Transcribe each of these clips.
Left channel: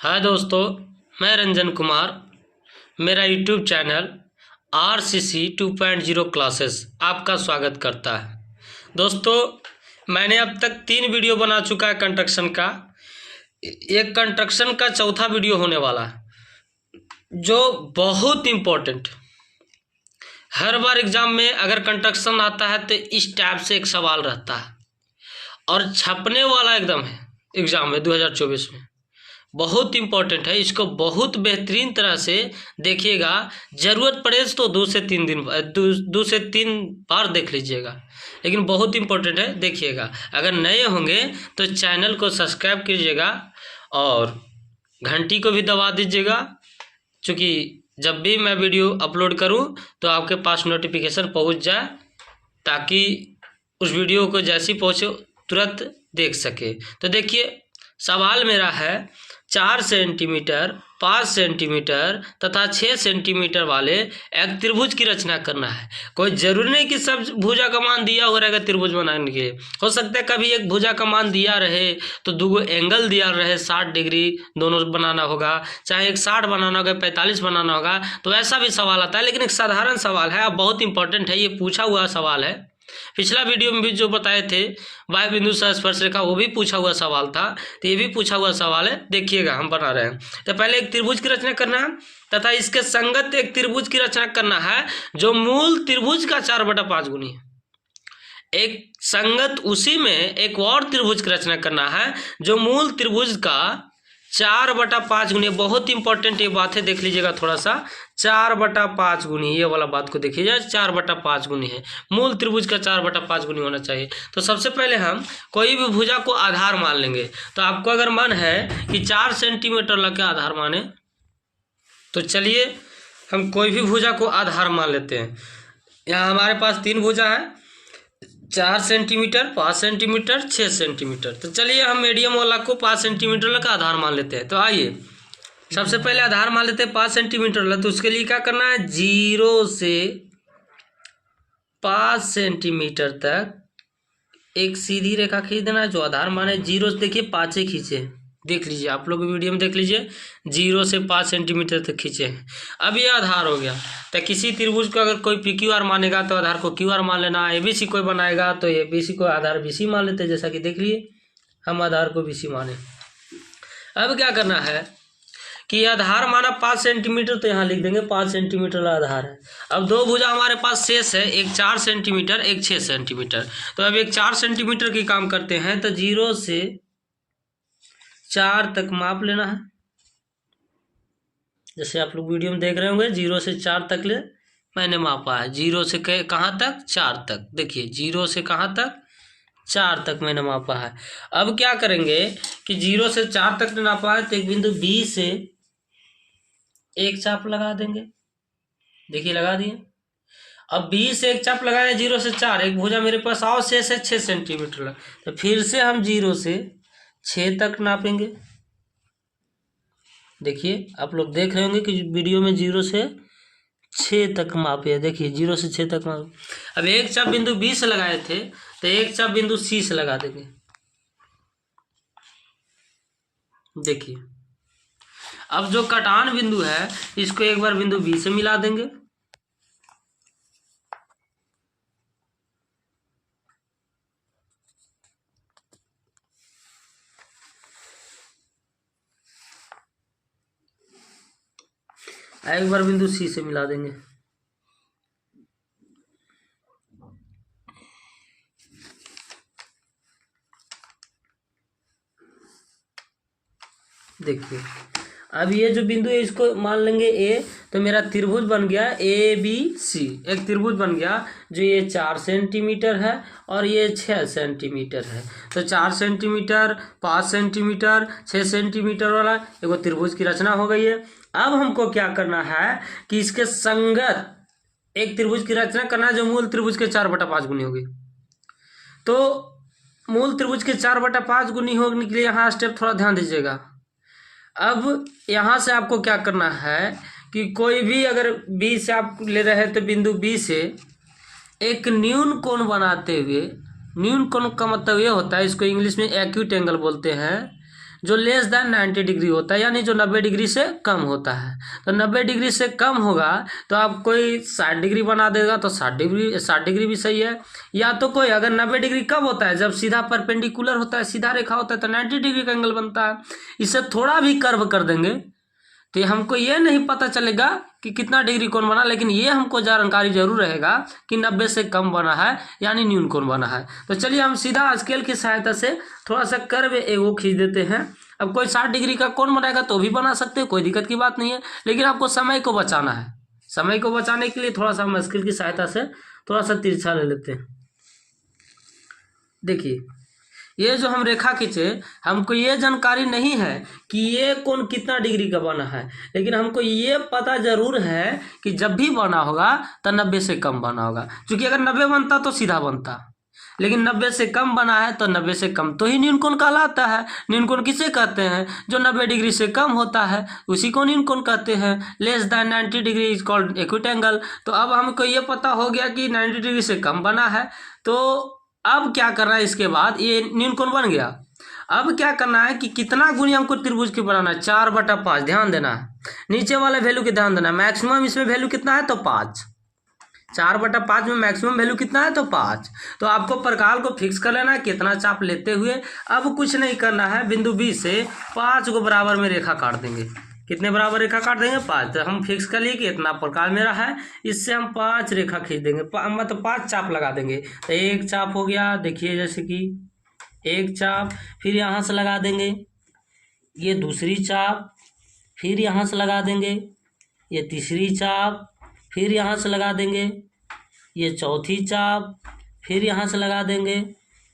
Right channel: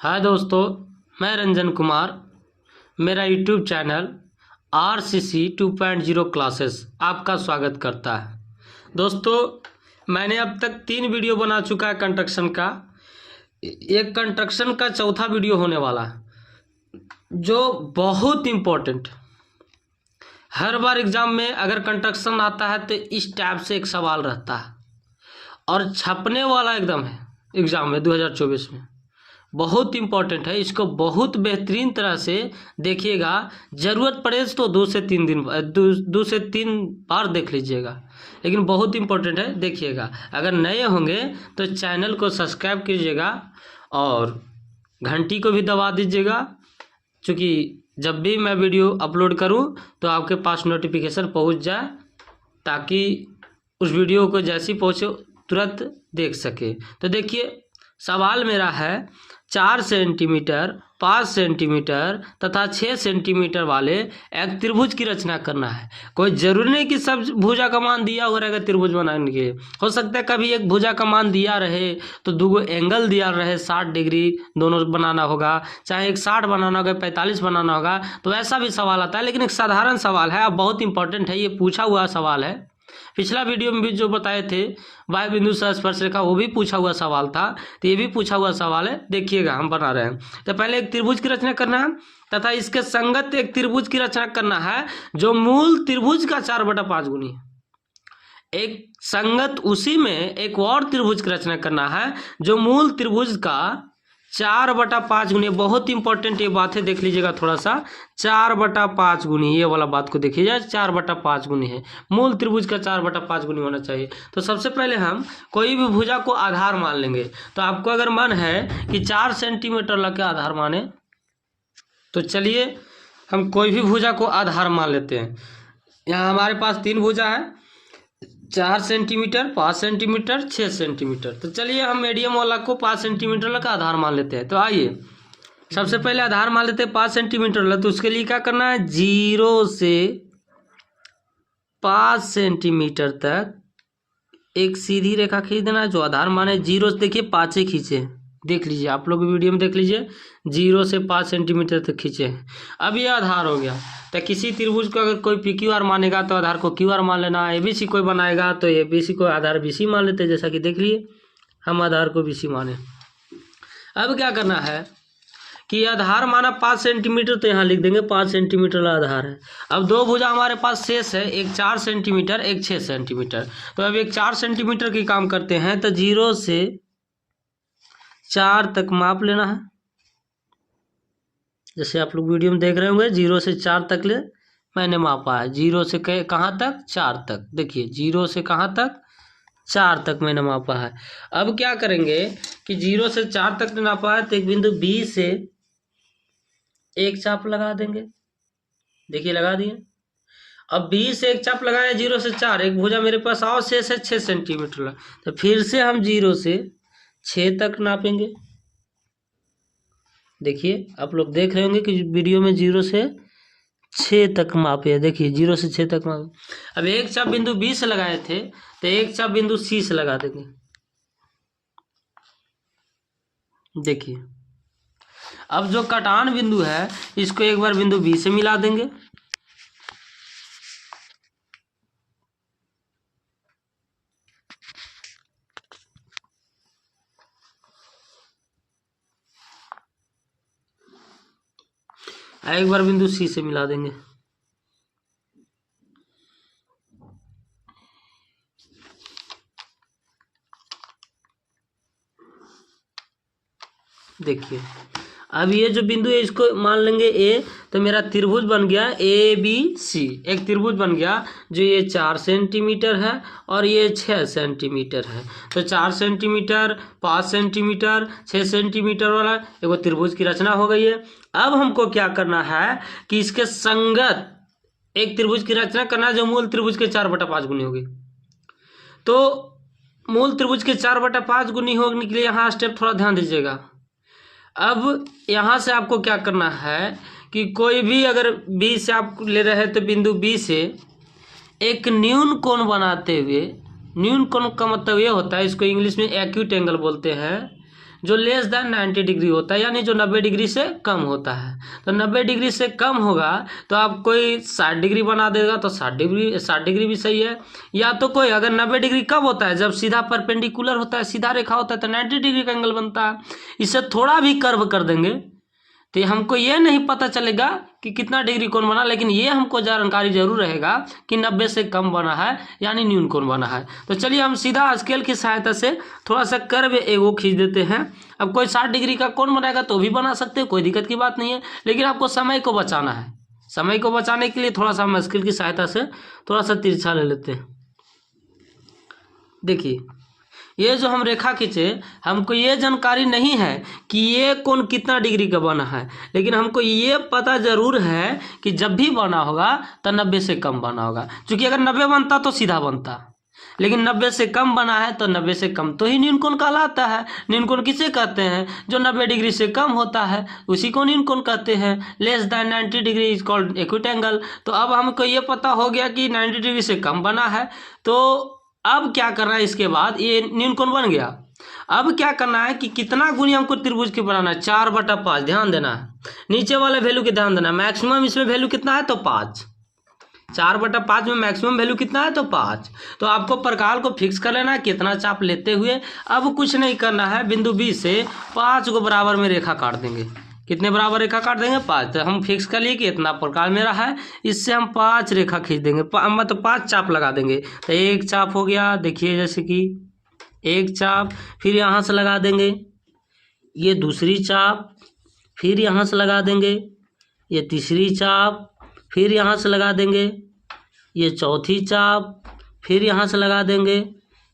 हाय दोस्तों, मैं रंजन कुमार। मेरा यूट्यूब चैनल RCC 2.0 क्लासेस आपका स्वागत करता है। दोस्तों, मैंने अब तक 3 वीडियो बना चुका है कंस्ट्रक्शन का। एक कंस्ट्रक्शन का चौथा वीडियो होने वाला है जो बहुत इम्पोर्टेंट। हर बार एग्ज़ाम में अगर कंस्ट्रक्शन आता है तो इस टाइप से एक सवाल रहता है और छपने वाला एकदम है एग्ज़ाम में 2024 में। बहुत इम्पोर्टेंट है, इसको बहुत बेहतरीन तरह से देखिएगा। ज़रूरत पड़े तो 2 से 3 बार देख लीजिएगा, लेकिन बहुत इम्पोर्टेंट है, देखिएगा। अगर नए होंगे तो चैनल को सब्सक्राइब कीजिएगा और घंटी को भी दबा दीजिएगा, क्योंकि जब भी मैं वीडियो अपलोड करूं तो आपके पास नोटिफिकेशन पहुंच जाए, ताकि उस वीडियो को जैसी पहुंचे तुरंत देख सके। तो देखिए, सवाल मेरा है 4 सेंटीमीटर, 5 सेंटीमीटर तथा 6 सेंटीमीटर वाले एक त्रिभुज की रचना करना है। कोई जरूरी नहीं कि सब भुजा का मान दिया हो रहेगा त्रिभुज बनाने के। हो सकता है कभी एक भुजा का मान दिया रहे तो 2 एंगल दिया रहे 60 डिग्री दोनों बनाना होगा, चाहे एक 60 बनाना होगा, 45 बनाना होगा, तो ऐसा भी सवाल आता है। लेकिन एक साधारण सवाल है, अब बहुत इंपॉर्टेंट है, ये पूछा हुआ सवाल है। पिछला वीडियो में भी जो बताए थे वायु बिंदु से स्पर्श रेखा, वो भी पूछा हुआ सवाल था, तो ये भी पूछा हुआ सवाल है। देखिएगा, हम बना रहे हैं। तो पहले एक त्रिभुज की रचना करना है तथा इसके संगत एक त्रिभुज की रचना करना है जो मूल त्रिभुज का 4/5 गुनी है। एक संगत उसी में एक और त्रिभुज की रचना करना है जो मूल त्रिभुज का 4/5 गुनी। बहुत इंपॉर्टेंट ये बात है, देख लीजिएगा थोड़ा सा। 4/5 गुनी, ये वाला बात को देखिएगा, 4/5 गुनी है। मूल त्रिभुज का 4/5 गुनी होना चाहिए। तो सबसे पहले हम कोई भी भुजा को आधार मान लेंगे। तो आपको अगर मन है कि 4 सेंटीमीटर लग आधार माने, तो चलिए हम कोई भी भुजा को आधार मान लेते हैं। यहाँ हमारे पास 3 भुजा है, 4 सेंटीमीटर, 5 सेंटीमीटर, 6 सेंटीमीटर। तो चलिए हम मीडियम वाला को 5 सेंटीमीटर का आधार मान लेते हैं। तो आइए सबसे पहले आधार मान लेते हैं 5 सेंटीमीटर वाला। तो उसके लिए क्या करना है, 0 से 5 सेंटीमीटर तक एक सीधी रेखा खींच देना है। जो आधार माने 0 से, देखिए 5 ही खींचे, देख लीजिए, आप लोग वीडियो में देख लीजिए, 0 से 5 सेंटीमीटर तक खींचे। अब ये आधार हो गया। तो किसी त्रिभुज को अगर कोई PQR मानेगा तो आधार को QR मान लेना। ABC कोई बनाएगा तो ABC को आधार BC मान लेते हैं, जैसा कि देख लिए हम आधार को BC माने। अब क्या करना है कि आधार माना 5 सेंटीमीटर, तो यहाँ लिख देंगे 5 सेंटीमीटर आधार है। अब 2 भुजा हमारे पास शेष है, एक 4 सेंटीमीटर, एक 6 सेंटीमीटर। तो अब एक 4 सेंटीमीटर की काम करते हैं। तो 0 से 4 तक माप लेना है। जैसे आप लोग वीडियो में देख रहे होंगे, 0 से 4 तक ले मैंने मापा है। 0 से कहाँ तक, 4 तक। देखिए 0 से कहाँ तक, 4 तक मैंने मापा है। अब क्या करेंगे कि 0 से 4 तक नापा है, तो एक बिंदु B से एक चाप लगा देंगे। देखिए लगा दिए। अब B से एक चाप लगाए 0 से 4, एक भुजा मेरे पास आओ शेष है 6 सेंटीमीटर। तो फिर से हम 0 से 6 तक नापेंगे। देखिए आप लोग देख रहे होंगे कि वीडियो में 0 से 6 तक मापे। देखिए 0 से 6 तक मापे। अब एक चाप बिंदु B से लगाए थे, तो एक चाप बिंदु C से लगा देंगे। देखिए अब जो कटान बिंदु है इसको एक बार बिंदु B से मिला देंगे। एक बार बिंदु C से मिला देंगे। देखिए अब ये जो बिंदु है इसको मान लेंगे A। तो मेरा त्रिभुज बन गया ABC, एक त्रिभुज बन गया जो ये 4 सेंटीमीटर है और ये 6 सेंटीमीटर है। तो 4 सेंटीमीटर, 5 सेंटीमीटर, 6 सेंटीमीटर वाला एक त्रिभुज की रचना हो गई है। अब हमको क्या करना है कि इसके संगत एक त्रिभुज की रचना करना है जो मूल त्रिभुज के 4/5 गुनी होगी। तो मूल त्रिभुज के 4/5 गुनी होने के लिए यहाँ स्टेप थोड़ा ध्यान दीजिएगा। अब यहाँ से आपको क्या करना है कि कोई भी अगर B से आप ले रहे हैं तो बिंदु B से एक न्यून कोण बनाते हुए, न्यून कोण का मतलब ये होता है, इसको इंग्लिश में एक्यूट एंगल बोलते हैं। जो लेस दैन 90 डिग्री होता है, यानी जो 90 डिग्री से कम होता है। तो 90 डिग्री से कम होगा तो आप कोई 60 डिग्री बना देगा तो 60 डिग्री भी सही है। या तो कोई अगर 90 डिग्री कब होता है, जब सीधा परपेंडिकुलर होता है, सीधा रेखा होता है, तो 90 डिग्री का एंगल बनता है। इसे थोड़ा भी कर्व कर देंगे तो हमको ये नहीं पता चलेगा कि कितना डिग्री कोण बना, लेकिन ये हमको जानकारी जरूर रहेगा कि 90 से कम बना है, यानी न्यून कोण बना है। तो चलिए हम सीधा स्केल की सहायता से थोड़ा सा कर्व एगो खींच देते हैं। अब कोई 60 डिग्री का कोण बनाएगा तो भी बना सकते हैं, कोई दिक्कत की बात नहीं है, लेकिन आपको समय को बचाना है। समय को बचाने के लिए थोड़ा सा हम स्केल की सहायता से थोड़ा सा तिरछा ले लेते हैं। देखिए ये जो हम रेखा खींचे, हमको ये जानकारी नहीं है कि ये कोण कितना डिग्री का बना है, लेकिन हमको ये पता जरूर है कि जब भी बना होगा तो 90 से कम बना होगा। क्योंकि अगर 90 बनता तो सीधा बनता, लेकिन 90 से कम बना है तो 90 से कम तो ही न्यून कोण कहलाता है। न्यून कोण किसे कहते हैं? जो 90 डिग्री से कम होता है उसी को न्यून कोण कहते हैं। Less than 90 degree is called acute angle. तो अब हमको ये पता हो गया कि 90 डिग्री से कम बना है। तो अब क्या करना है, इसके बाद ये न्यून कोण बन गया। अब क्या करना है कि कितना गुनी हमको त्रिभुज की बनाना है, 4/5। ध्यान देना है, नीचे वाले वैल्यू के ध्यान देना है। मैक्सिमम इसमें वैल्यू कितना है तो 5। 4/5 में मैक्सिमम वैल्यू कितना है तो 5। तो आपको प्रकार को फिक्स कर लेना है कितना चाप लेते हुए। अब कुछ नहीं करना है, बिंदु बी से 5 को बराबर में रेखा काट देंगे। कितने बराबर रेखा काट देंगे? 5। तो हम फिक्स कर लिए कि इतना प्रकार मेरा है, इससे हम 5 रेखा खींच देंगे, मतलब 5 चाप लगा देंगे। तो एक चाप हो गया, देखिए जैसे कि एक चाप, फिर यहाँ से लगा देंगे ये दूसरी चाप, फिर यहाँ से लगा देंगे ये तीसरी चाप, फिर यहाँ से लगा देंगे ये चौथी चाप, फिर यहाँ से लगा देंगे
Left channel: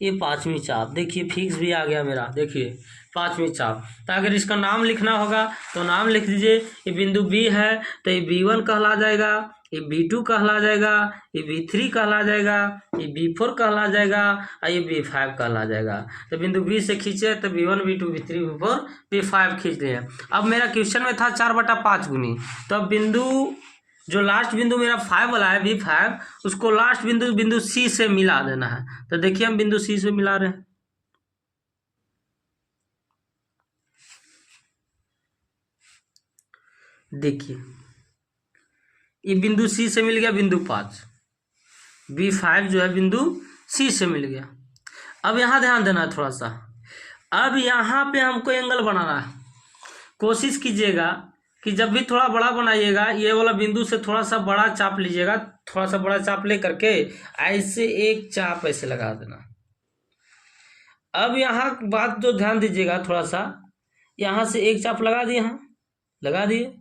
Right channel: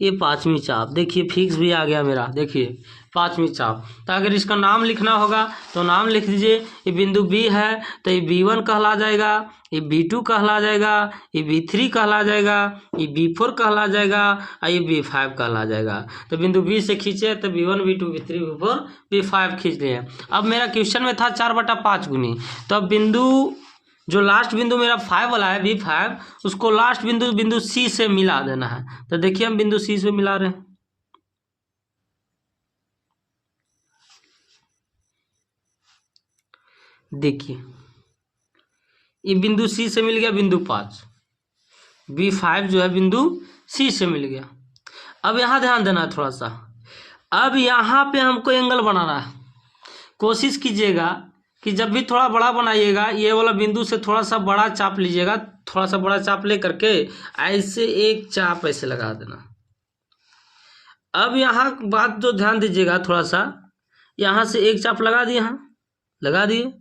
ये 5वीं चाप। देखिए फिक्स भी आ गया मेरा, देखिए 5वीं चाप। तो अगर इसका नाम लिखना होगा तो नाम लिख दीजिए। ये बिंदु बी है तो ये B1 कहला जाएगा, ये B2 कहला जाएगा, ये B3 कहला जाएगा, ये B4 कहला जाएगा और ये B5 कहला जाएगा। तो बिंदु बी से खींचे तो B1 B2 B3 B4 B5 खींच लिए। अब मेरा क्वेश्चन में था 4/5 गुनी, तो अब बिंदु जो लास्ट बिंदु मेरा 5 वाला है B5, उसको लास्ट बिंदु C से मिला देना है। तो देखिए हम बिंदु C से मिला रहे हैं। देखिए ये बिंदु C से मिल गया बिंदु 5, B5 जो है बिंदु C से मिल गया। अब यहाँ ध्यान देना थोड़ा सा, अब यहाँ पे हमको एंगल बनाना है। कोशिश कीजिएगा कि जब भी थोड़ा बड़ा बनाइएगा, ये वाला बिंदु से थोड़ा सा बड़ा चाप लीजिएगा, थोड़ा सा बड़ा चाप ले करके ऐसे एक चाप ऐसे लगा देना। अब यहाँ बात जो ध्यान दीजिएगा थोड़ा सा, यहाँ से एक चाप लगा दिए, यहाँ लगा दिए।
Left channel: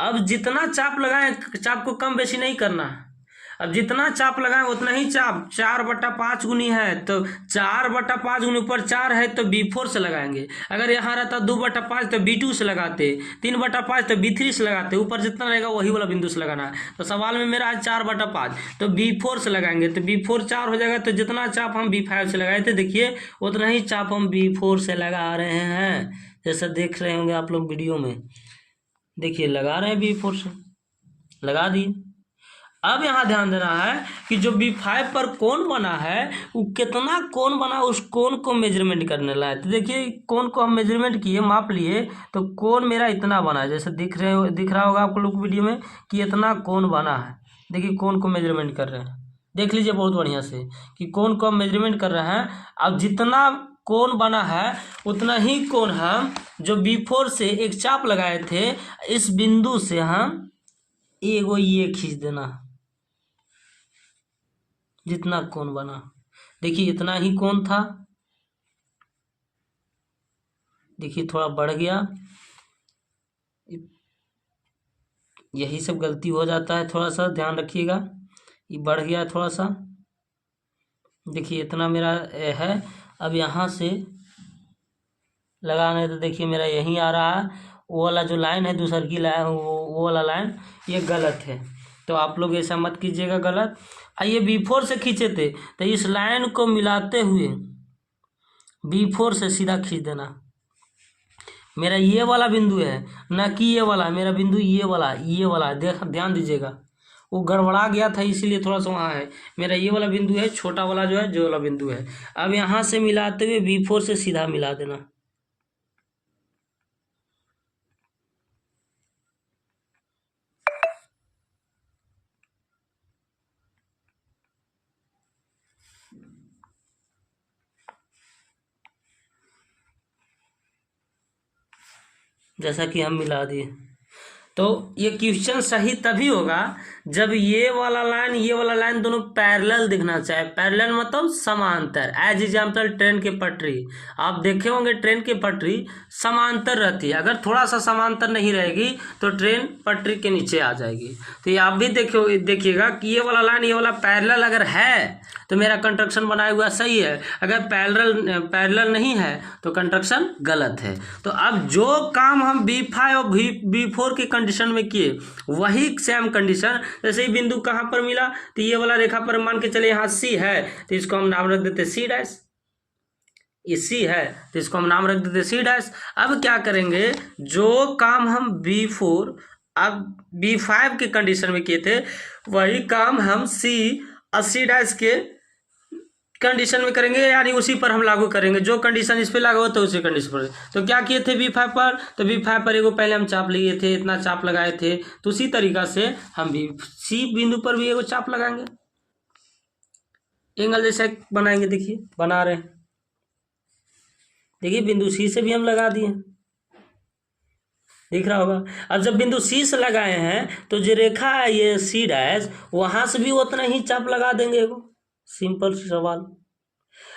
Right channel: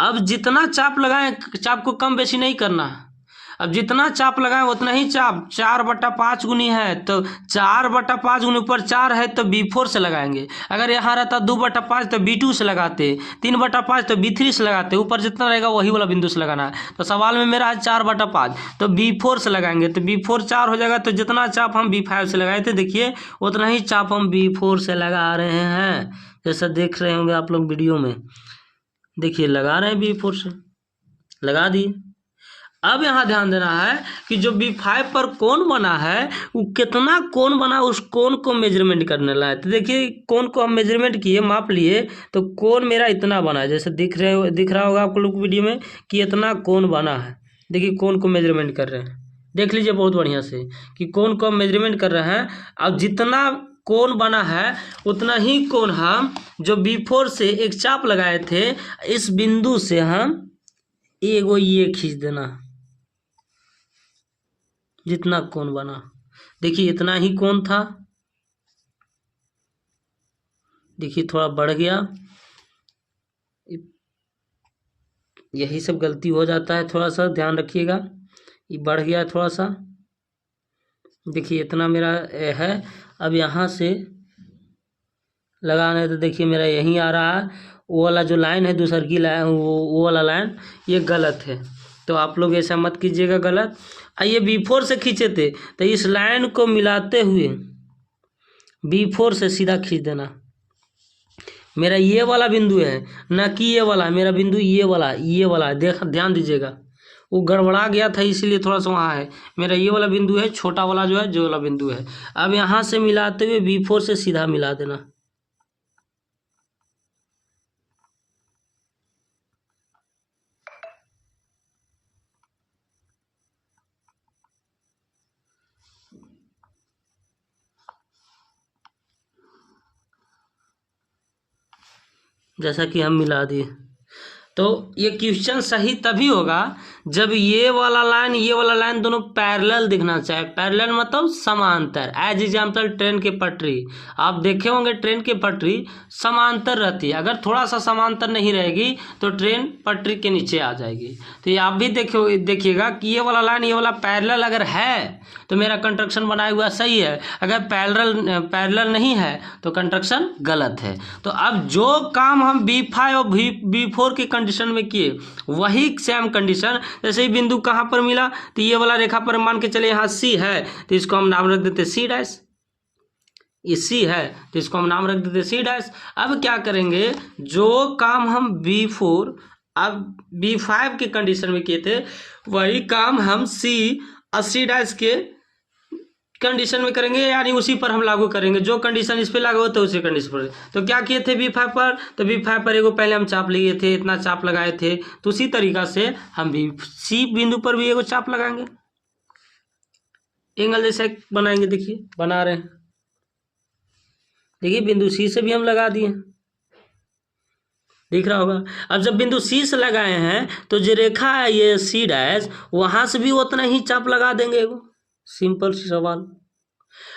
अब जितना चाप लगाएं, चाप को कम बेशी नहीं करना है। अब जितना चाप लगाएं उतना ही चाप, 4/5 गुनी है तो 4/5 गुनी ऊपर 4 है तो B4 से लगाएंगे। अगर यहाँ रहता 2/5 तो B2 से लगाते, 3/5 तो B3 से लगाते, ऊपर जितना रहेगा वही वाला बिंदु से लगाना है। तो सवाल में मेरा है 4/5 तो B4 से लगाएंगे, तो B4 4 हो जाएगा। तो जितना चाप हम B5 से लगाए थे, देखिए उतना ही चाप हम B4 से लगा रहे हैं, जैसा देख रहे होंगे आप लोग वीडियो में। देखिए लगा रहे हैं B4 से, लगा दिए। अब यहाँ ध्यान देना है कि जो B5 पर कोण बना है वो कितना कोण बना, उस कोण को मेजरमेंट करने ला है। तो देखिए कोण को हम मेजरमेंट किए, माप लिए, तो कोण मेरा इतना बना है, जैसे दिख रहा होगा आप लोग वीडियो में कि इतना कोण बना है। देखिए कोण को मेजरमेंट कर रहे हैं, देख लीजिए बहुत बढ़िया से कि कोण को हम मेजरमेंट कर रहे हैं। अब जितना कोण बना है उतना ही कोण हम जो B4 से एक चाप लगाए थे, इस बिंदु से हम एगो ये खींच देना, जितना कोण बना। देखिए इतना ही कोण था, देखिए थोड़ा बढ़ गया, यही सब गलती हो जाता है, थोड़ा सा ध्यान रखिएगा। ये बढ़ गया थोड़ा सा, देखिए इतना मेरा है। अब यहाँ से लगाना है तो देखिए मेरा यहीं आ रहा है, वो वाला जो लाइन है दूसर की लाइन, वो वाला लाइन ये गलत है। तो आप लोग ऐसा मत कीजिएगा गलत। आइए B4 से खींचे थे तो इस लाइन को मिलाते हुए B4 से सीधा खींच देना। मेरा ये वाला बिंदु है, ना कि ये वाला, मेरा बिंदु ये वाला ध्यान दीजिएगा, वो गड़बड़ा गया था इसीलिए थोड़ा सा वहाँ है। मेरा ये वाला बिंदु है, छोटा वाला जो है, जो वाला बिंदु है। अब यहाँ से मिलाते हुए B4 से सीधा मिला देना। जैसा कि हम मिला दिए। तो ये क्वेश्चन सही तभी होगा जब ये वाला लाइन दोनों पैरेलल दिखना चाहिए। पैरेलल मतलब समांतर। एज एग्जाम्पल ट्रेन की पटरी, आप देखे होंगे ट्रेन की पटरी समांतर रहती है। अगर थोड़ा सा समांतर नहीं रहेगी तो ट्रेन पटरी के नीचे आ जाएगी। तो ये आप भी देखिएगा कि ये वाला लाइन ये वाला पैरेलल अगर है तो मेरा कंस्ट्रक्शन बनाया हुआ सही है, अगर पैरेलल नहीं है तो कंस्ट्रक्शन गलत है। तो अब जो काम हम B5 और B4 की कंडीशन में किए वही सेम कंडीशन, जैसे ही बिंदु कहाँ पर मिला तो ये वाला रेखा पर मान के चले यहाँ C है तो इसको हम नाम रख देते C डैश। ये C है तो इसको हम नाम रख देते C डैश। अब क्या करेंगे, जो काम हम B4 अब B5 के कंडीशन में किए थे वही काम हम C और C डैश के कंडीशन में करेंगे, यानी उसी पर हम लागू करेंगे। जो कंडीशन इस पे लागू होता है उसी कंडीशन पर। तो क्या किए थे B5 पर, तो B5 पर एगो पहले हम चाप लिए थे, इतना चाप लगाए थे। तो उसी तरीका से हम भी C बिंदु पर भी एगो चाप लगाएंगे, एंगल जैसा बनाएंगे। देखिए बना रहे हैं, देखिए बिंदु C से भी हम लगा दिए, दिख रहा होगा। अब जब बिंदु C से लगाए हैं तो जो रेखा है ये C डैश, वहां से भी उतना ही चाप लगा देंगे एगो। सिंपल सी सवाल।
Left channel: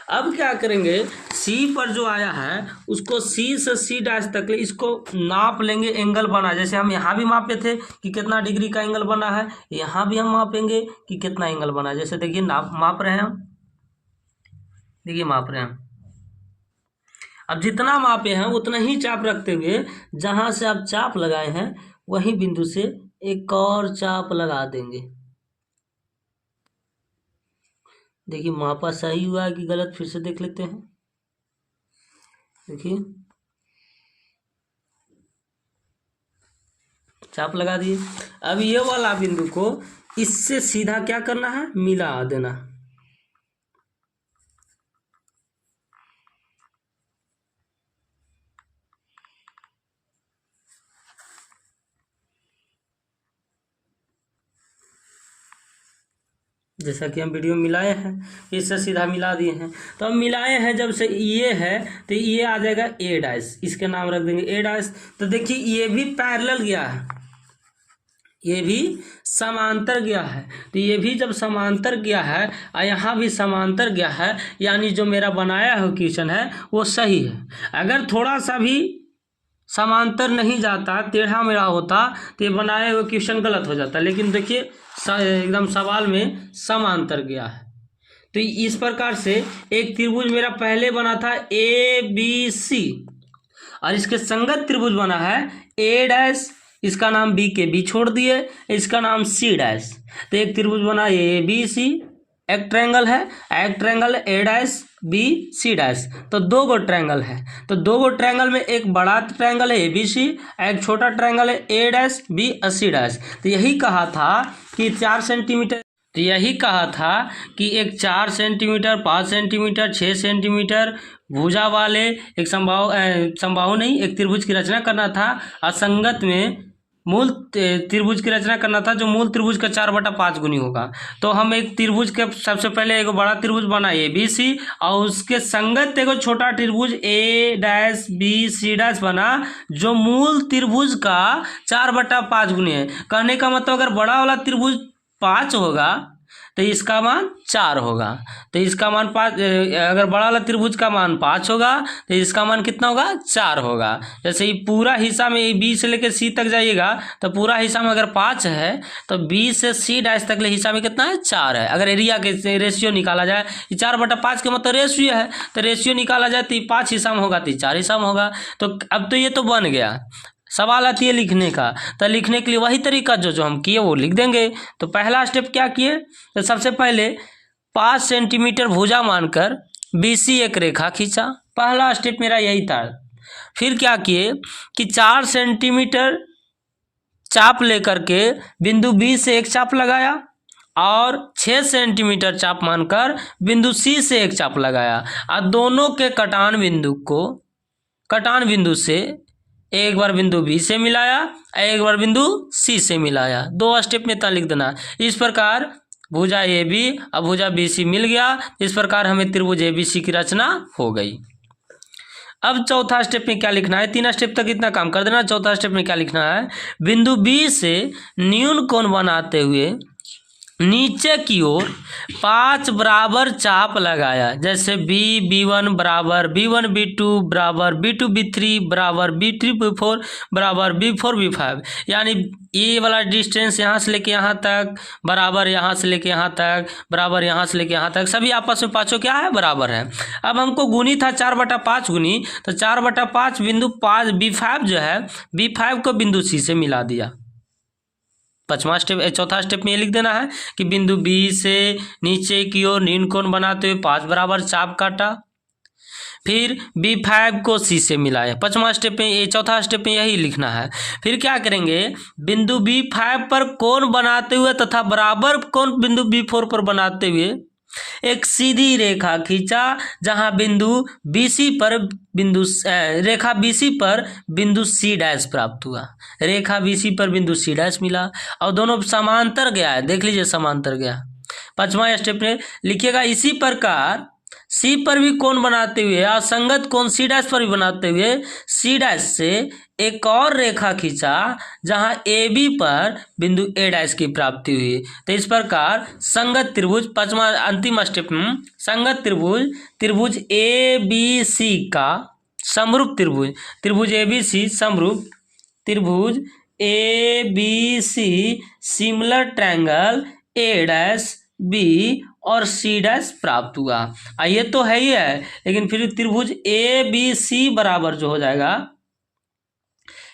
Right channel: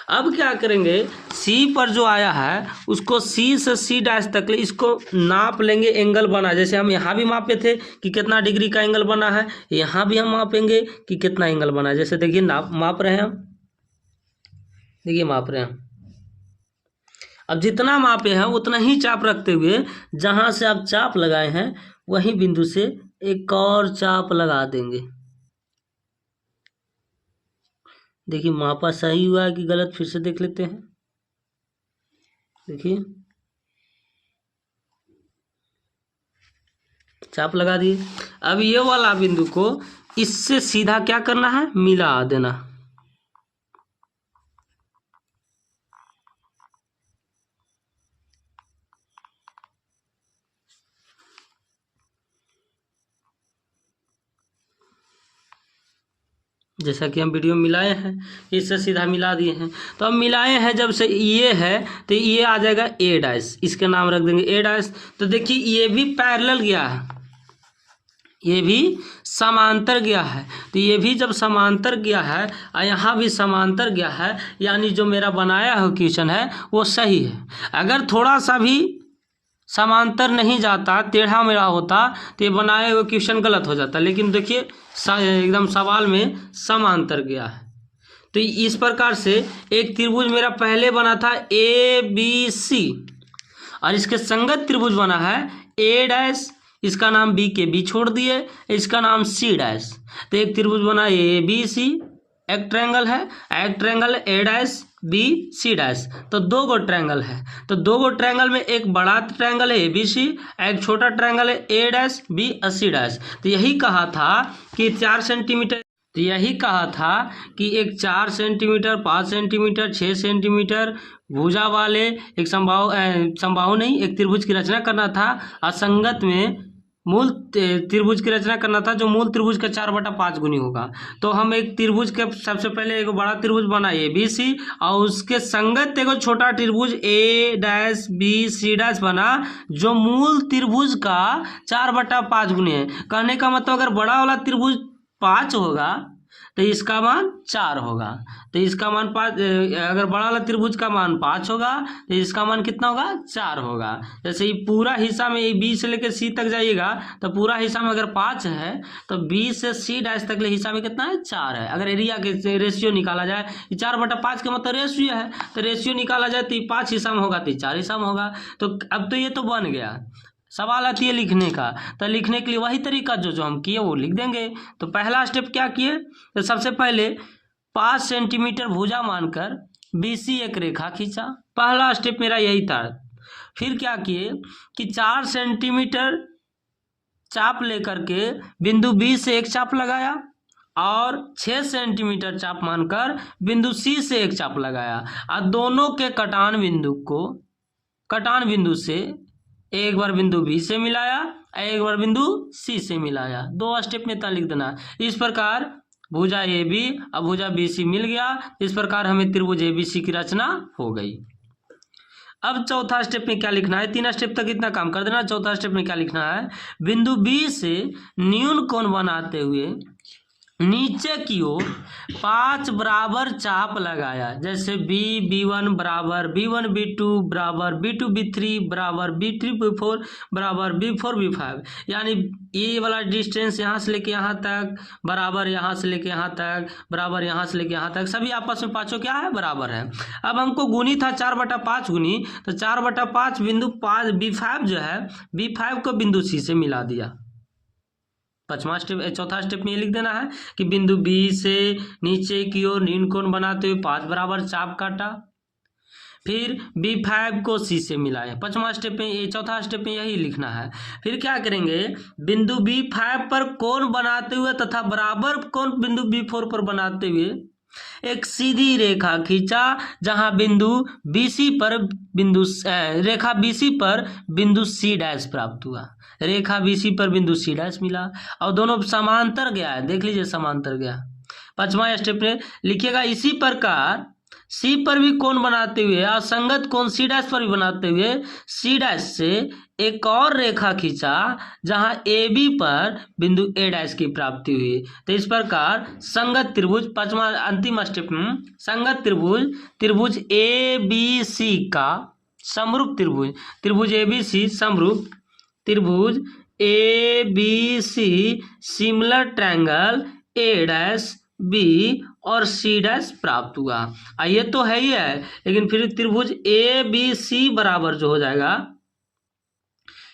अब क्या करेंगे, C पर जो आया है उसको C से C डैश तक ले इसको नाप लेंगे, एंगल बना। जैसे हम यहाँ भी मापे थे कि कितना डिग्री का एंगल बना है, यहाँ भी हम मापेंगे कि कितना एंगल बना है। जैसे देखिए माप रहे हैं हम, देखिए माप रहे हैं हम। अब जितना मापे हैं उतना ही चाप रखते हुए जहाँ से आप चाप लगाए हैं वही बिंदु से एक और चाप लगा देंगे। देखिए मापा सही हुआ है कि गलत, फिर से देख लेते हैं। देखिए चाप लगा दिए। अब ये वाला बिंदु को इससे सीधा क्या करना है, मिला देना। जैसा कि हम वीडियो मिलाए हैं इससे सीधा मिला दिए हैं। तो अब मिलाए हैं जब से ये है तो ये आ जाएगा A डैश, इसके नाम रख देंगे A डैश। तो देखिए ये भी पैरेलल गया है, ये भी समांतर गया है। तो ये भी जब समांतर गया है और यहाँ भी समांतर गया है, यानी जो मेरा बनाया हुआ क्वेश्चन है वो सही है। अगर थोड़ा सा भी समांतर नहीं जाता, टेढ़ा मेढ़ा होता तो ये बनाए हुए क्वेश्चन गलत हो जाता। लेकिन देखिए एकदम सवाल में समांतर गया है। तो इस प्रकार से एक त्रिभुज मेरा पहले बना था ABC और इसके संगत त्रिभुज बना है A डैश, इसका नाम B के B छोड़ दिए, इसका नाम C डैश। तो एक त्रिभुज बना ABC, एक ट्रायंगल है, एक triangle A dash B C dash. तो दो गो ट्रायंगल है, तो दो गो ट्रायंगल में एक बड़ा ट्रायंगल है ABC, एक छोटा ट्रायंगल है A डैश B और C डैश। तो यही कहा था कि 4 सेंटीमीटर, तो यही कहा था कि एक 4 सेंटीमीटर 5 सेंटीमीटर 6 सेंटीमीटर भुजा वाले एक समबाहु नहीं एक त्रिभुज की रचना करना था। असंगत में मूल त्रिभुज की रचना करना था जो मूल त्रिभुज का 4/5 गुनी होगा। तो हम एक त्रिभुज के सबसे पहले एक बड़ा त्रिभुज बनाए ABC और उसके संगत एक छोटा त्रिभुज A dash B C dash बना जो मूल त्रिभुज का 4/5 गुनी है। कहने का मतलब अगर बड़ा वाला त्रिभुज 5 होगा तो इसका मान 4 होगा। तो इसका मान 5, अगर बड़ा वाला त्रिभुज का मान 5 होगा तो इसका मान कितना होगा, 4 होगा। जैसे ये पूरा हिस्सा में B से लेकर C तक जाइएगा तो पूरा हिस्सा में अगर 5 है तो B से C डैश तक ले हिस्सा में कितना है, 4 है। अगर एरिया के रेशियो निकाला जाए, 4/5 के मतलब रेशियो है, तो रेशियो निकाला जाए तो 5 हिस्सा में होगा तो 4 हिस्सा में होगा। तो अब तो ये तो बन गया। सवाल आती है लिखने का, तो लिखने के लिए वही तरीका जो हम किए वो लिख देंगे। तो पहला स्टेप क्या किए, तो सबसे पहले 5 सेंटीमीटर भुजा मानकर BC एक रेखा खींचा, पहला स्टेप मेरा यही था। फिर क्या किए कि 4 सेंटीमीटर चाप लेकर के बिंदु B से एक चाप लगाया और 6 सेंटीमीटर चाप मानकर बिंदु C से एक चाप लगाया और दोनों के कटान बिंदु से एक बार बिंदु B से मिलाया, एक बार बिंदु C से मिलाया। 2 स्टेप में इतना लिख देना। इस प्रकार भुजा AB और भुजा BC मिल गया। इस प्रकार हमें त्रिभुज ABC की रचना हो गई। अब चौथा स्टेप में क्या लिखना है, 3 स्टेप तक इतना काम कर देना। चौथा स्टेप में क्या लिखना है, बिंदु बी से न्यून कोण बनाते हुए नीचे की ओर 5 बराबर चाप लगाया। जैसे B1 बराबर B1 B2 बराबर B2 B3 बराबर B3 B4 बराबर B4 B5, यानी ये वाला डिस्टेंस यहाँ से लेके यहाँ तक बराबर, यहाँ से लेके यहाँ तक बराबर, यहाँ से लेके यहाँ तक, सभी आपस में पाँचों क्या है, बराबर है। अब हमको गुनी था 4/5 गुनी, तो 4/5 बिंदु 5 B5 जो है, B5 को बिंदु C से मिला दिया। पांचवा स्टेप, चौथा स्टेप में ये लिख देना है कि बिंदु बी से नीचे की ओर न्यून कोण बनाते हुए 5 बराबर चाप काटा, फिर B5 को C से मिलाया। पांचवा स्टेप में, ये चौथा स्टेप में यही लिखना है। फिर क्या करेंगे, बिंदु B5 पर कोण बनाते हुए तथा बराबर कोण बिंदु B4 पर बनाते हुए एक सीधी रेखा खींचा, जहां बिंदु BC पर बिंदु रेखा BC पर बिंदु C' प्राप्त हुआ। रेखा BC पर बिंदु C' मिला और दोनों समांतर गया है, देख लीजिए समांतर गया। पांचवा स्टेप में लिखिएगा, इसी प्रकार C पर भी कोण बनाते हुए और संगत कोण C' पर भी बनाते हुए C' से एक और रेखा खींचा, जहां AB पर बिंदु A' की प्राप्ति हुई। तो इस प्रकार संगत त्रिभुज, पांचवा अंतिम स्टेप में, संगत त्रिभुज ABC का समरूप त्रिभुज, त्रिभुज ABC समरूप त्रिभुज ABC similar triangle A' B और C' प्राप्त हुआ। ये तो है ही है, लेकिन फिर त्रिभुज ABC बराबर जो हो जाएगा,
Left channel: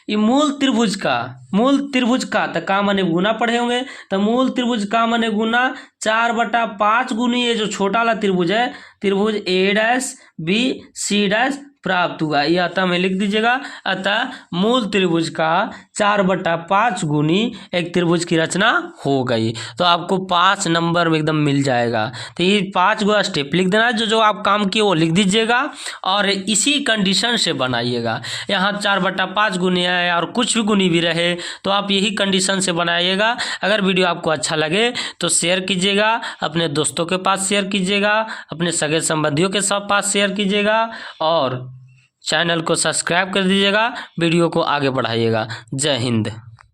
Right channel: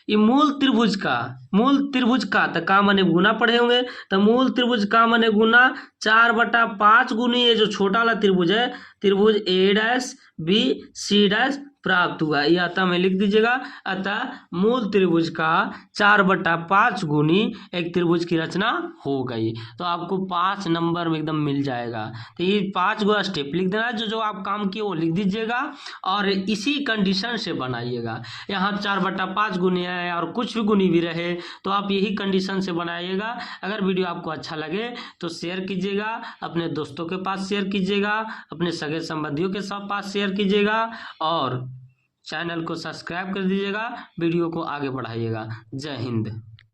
ये मूल त्रिभुज का तो का माने गुना पढ़े होंगे, तो मूल त्रिभुज का माने गुना 4/5 गुनी ये जो छोटा वाला त्रिभुज है, त्रिभुज A'B C' प्राप्त हुआ। ये अतः में लिख दीजिएगा, अतः मूल त्रिभुज का 4/5 गुनी एक त्रिभुज की रचना हो गई। तो आपको 5 नंबर में एकदम मिल जाएगा। तो ये 5 गो स्टेप लिख देना, जो आप काम किए वो लिख दीजिएगा और इसी कंडीशन से बनाइएगा। यहाँ 4/5 गुनी है और कुछ भी गुनी भी रहे तो आप यही कंडीशन से बनाइएगा। अगर वीडियो आपको अच्छा लगे तो शेयर कीजिएगा, अपने दोस्तों के पास शेयर कीजिएगा, अपने सगे संबंधियों के सब पास शेयर कीजिएगा और चैनल को सब्सक्राइब कर दीजिएगा, वीडियो को आगे बढ़ाइएगा। जय हिंद।